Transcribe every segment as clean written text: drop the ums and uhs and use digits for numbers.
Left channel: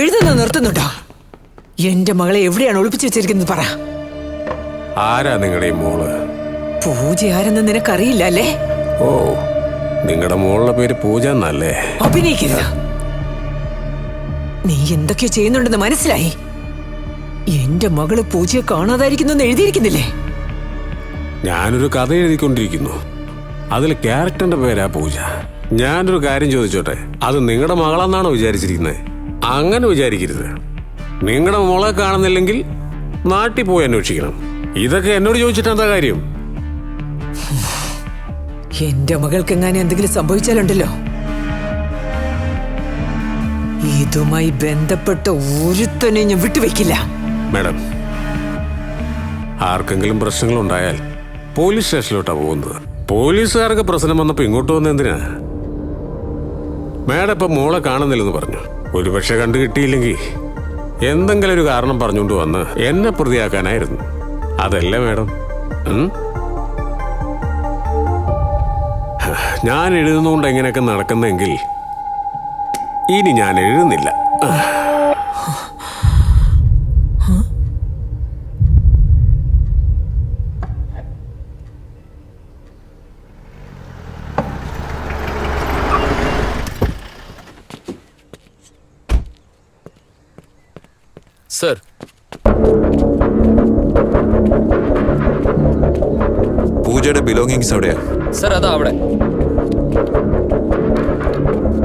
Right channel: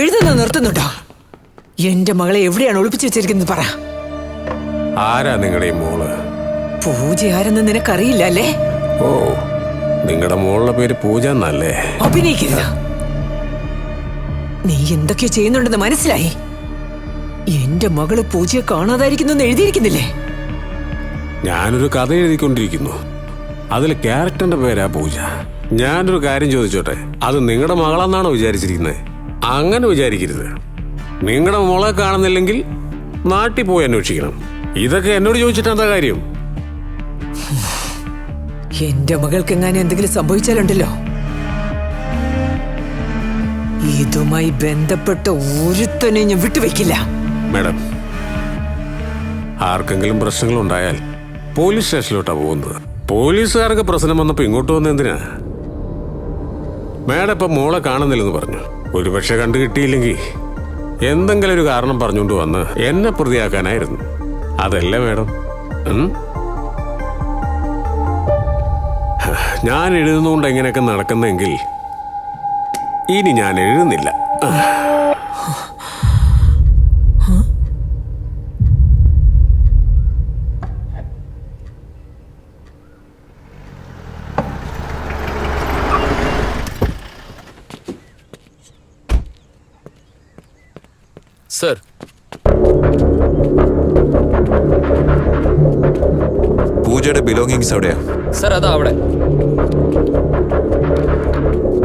എഴുതുന്ന നിർത്തുന്നുണ്ടോ? എന്റെ മകളെ എവിടെയാണ് ഒളിപ്പിച്ചു വെച്ചിരിക്കുന്നത് പറ. ആരാ നിങ്ങളുടെ മോള്? പൂജ ആരെന്ന് നിനക്കറിയില്ല അല്ലേ? ഓ, നിങ്ങളുടെ മോളുടെ പേര് പൂജ എന്നല്ലേ? അഭിനയിക്കരുത്. നീ എന്തൊക്കെയോ ചെയ്യുന്നുണ്ടെന്ന് മനസ്സിലായി. എന്റെ മകള് പൂജയെ കാണാതായിരിക്കുന്നു എഴുതിയിരിക്കുന്നില്ലേ? ഞാനൊരു കഥ എഴുതിക്കൊണ്ടിരിക്കുന്നു. അതിൽ ക്യാരക്ടറിന്റെ പേരാ പൂജ. ഞാനൊരു കാര്യം ചോദിച്ചോട്ടെ, അത് നിങ്ങളുടെ മകളെന്നാണോ വിചാരിച്ചിരിക്കുന്നത്? അങ്ങനെ വിചാരിക്കരുത്. നിങ്ങളുടെ മോളെ കാണുന്നില്ലെങ്കിൽ നാട്ടിൽ പോയി അന്വേഷിക്കണം. ഇതൊക്കെ എന്നോട് ചോദിച്ചിട്ട് എന്താ കാര്യം? എന്റെ മകൾക്ക് എങ്ങാനും എന്തെങ്കിലും സംഭവിച്ചാലുണ്ടല്ലോ, ഇതുമായി ബന്ധപ്പെട്ട ഒരുത്തനെ ഞാൻ വിട്ടുവെക്കില്ല. മാഡം, ആർക്കെങ്കിലും പ്രശ്നങ്ങളുണ്ടായാൽ പോലീസ് സ്റ്റേഷനിലോട്ടാ പോകുന്നത്. പോലീസുകാർക്ക് പ്രശ്നം വന്നപ്പോ ഇങ്ങോട്ട് വന്ന എന്തിനാ? മാഡം ഇപ്പൊ മോളെ കാണുന്നില്ലെന്ന് പറഞ്ഞു. ഒരുപക്ഷെ കണ്ടു കിട്ടിയില്ലെങ്കിൽ എന്തെങ്കിലും ഒരു കാരണം പറഞ്ഞുകൊണ്ട് വന്ന് എന്നെ പ്രതിയാക്കാനായിരുന്നു. അതല്ലേ മാഡം? ഞാൻ എഴുതുന്നതുകൊണ്ട് എങ്ങനെയൊക്കെ നടക്കുന്നെങ്കിൽ ഇനി ഞാൻ എഴുതുന്നില്ല. സർ, പൂജയുടെ ബിലോങ്ങിങ്സ് എവിടെയാ? സർ അതാ അവിടെ.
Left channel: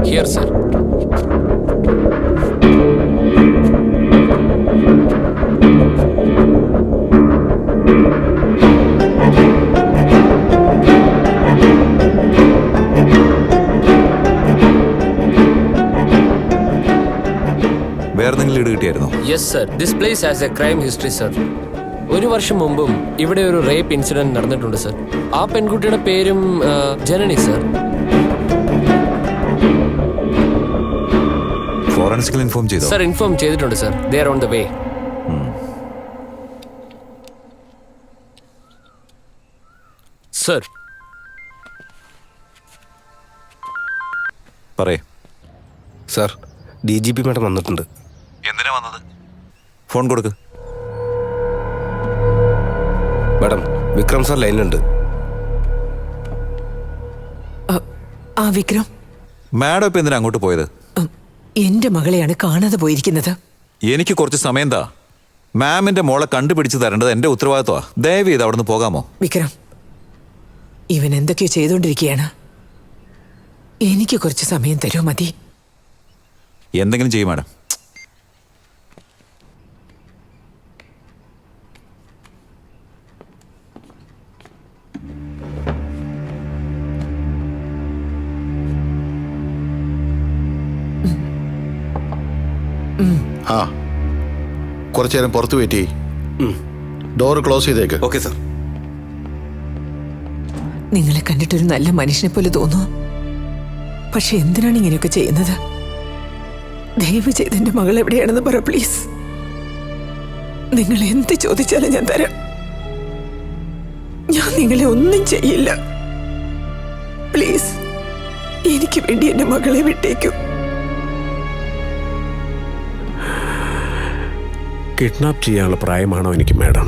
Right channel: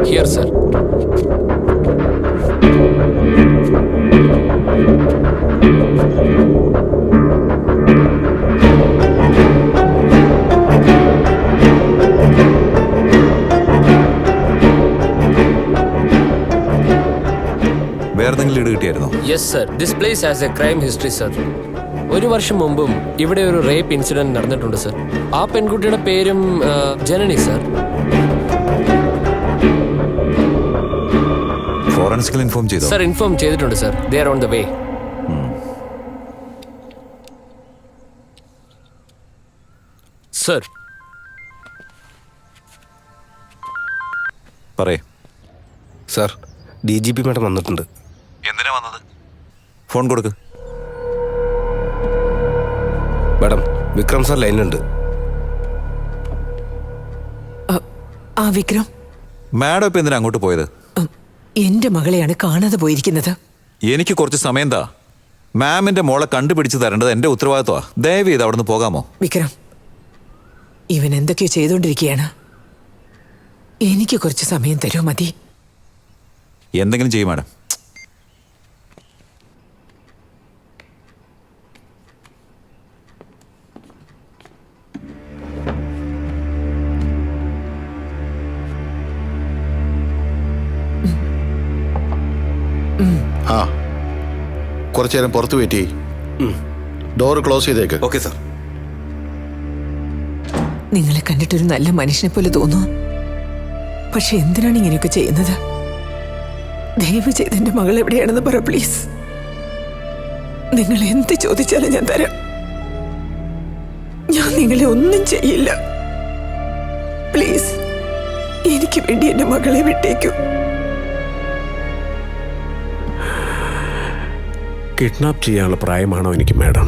Here sir. വേറെന്തെങ്കിലും ലീഡ് കിട്ടിയായിരുന്നോ? Yes sir, this place has a crime history sir. ഒരു വർഷം മുമ്പും ഇവിടെ ഒരു റേപ്പ് ഇൻസിഡന്റ് നടന്നിട്ടുണ്ട് സർ. ആ പെൺകുട്ടിയുടെ പേരും ജനനി സർ. ഫോറൻസിക്കൽ ഇൻഫോം ചെയ്തോ? സർ ഇൻഫോം ചെയ്തിട്ടുണ്ട് sir. They are on the way. Sir. പറയേ. സർ, DGP മാഡം വന്നിട്ടുണ്ട്. എന്തിനാ വന്നത്? ഫോൺ കൊടുക്ക്. മാഡം, വിക്രം സാർ ലൈനിലുണ്ട്. ആ വിക്രം, മാഡം ഇപ്പൊ എന്തിനാ അങ്ങോട്ട് പോയത്? എന്റെ മകളെയാണ് കാണാതെ പോയിരിക്കുന്നത്. എനിക്ക് കുറച്ച് സമയം താ. മാമിന്റെ മോളെ കണ്ടുപിടിച്ച് തരേണ്ടത് എന്റെ ഉത്തരവാദിത്വമാ. ദയവ് ചെയ്ത് അവിടെ നിന്ന് പോകാമോ? വിക്രം, ഇവൻ എന്തൊക്കെയോ ചെയ്തുകൊണ്ടിരിക്കുകയാണ്. എനിക്ക് കുറച്ച് സമയം തരുമോ? മതി. എന്തെങ്കിലും ചെയ്യും മാഡം. ആ, കുറച്ചു നേരം പുറത്ത് വെയിറ്റ് ചെയ്യ്. ഡോർ ക്ലോസ് ചെയ്തേക്ക്. Okay sir. നിങ്ങളെ കണ്ടിട്ടൊരു നല്ല മനുഷ്യനെ പോലെ തോന്നുന്നു. പക്ഷെ എന്തിനാണ് ഇങ്ങനെയൊക്കെ ചെയ്യുന്നത്? ദയവ് ചെയ്ത് എന്റെ മകൾ എവിടെയാണെന്ന് പറ പ്ലീസ്. നിങ്ങൾ എന്ത് ചോദിച്ചാലും ഞാൻ തരാം. ഞാൻ നിങ്ങളെ ഒന്നും ചെയ്യില്ല. പ്ലീസ്, എനിക്ക് വേണ്ടി എന്റെ മകളെ വിട്ടേക്കൂ. കിഡ്നാപ്പ് ചെയ്യാനുള്ള പ്രായമാണോ എനിക്ക് മാഡം?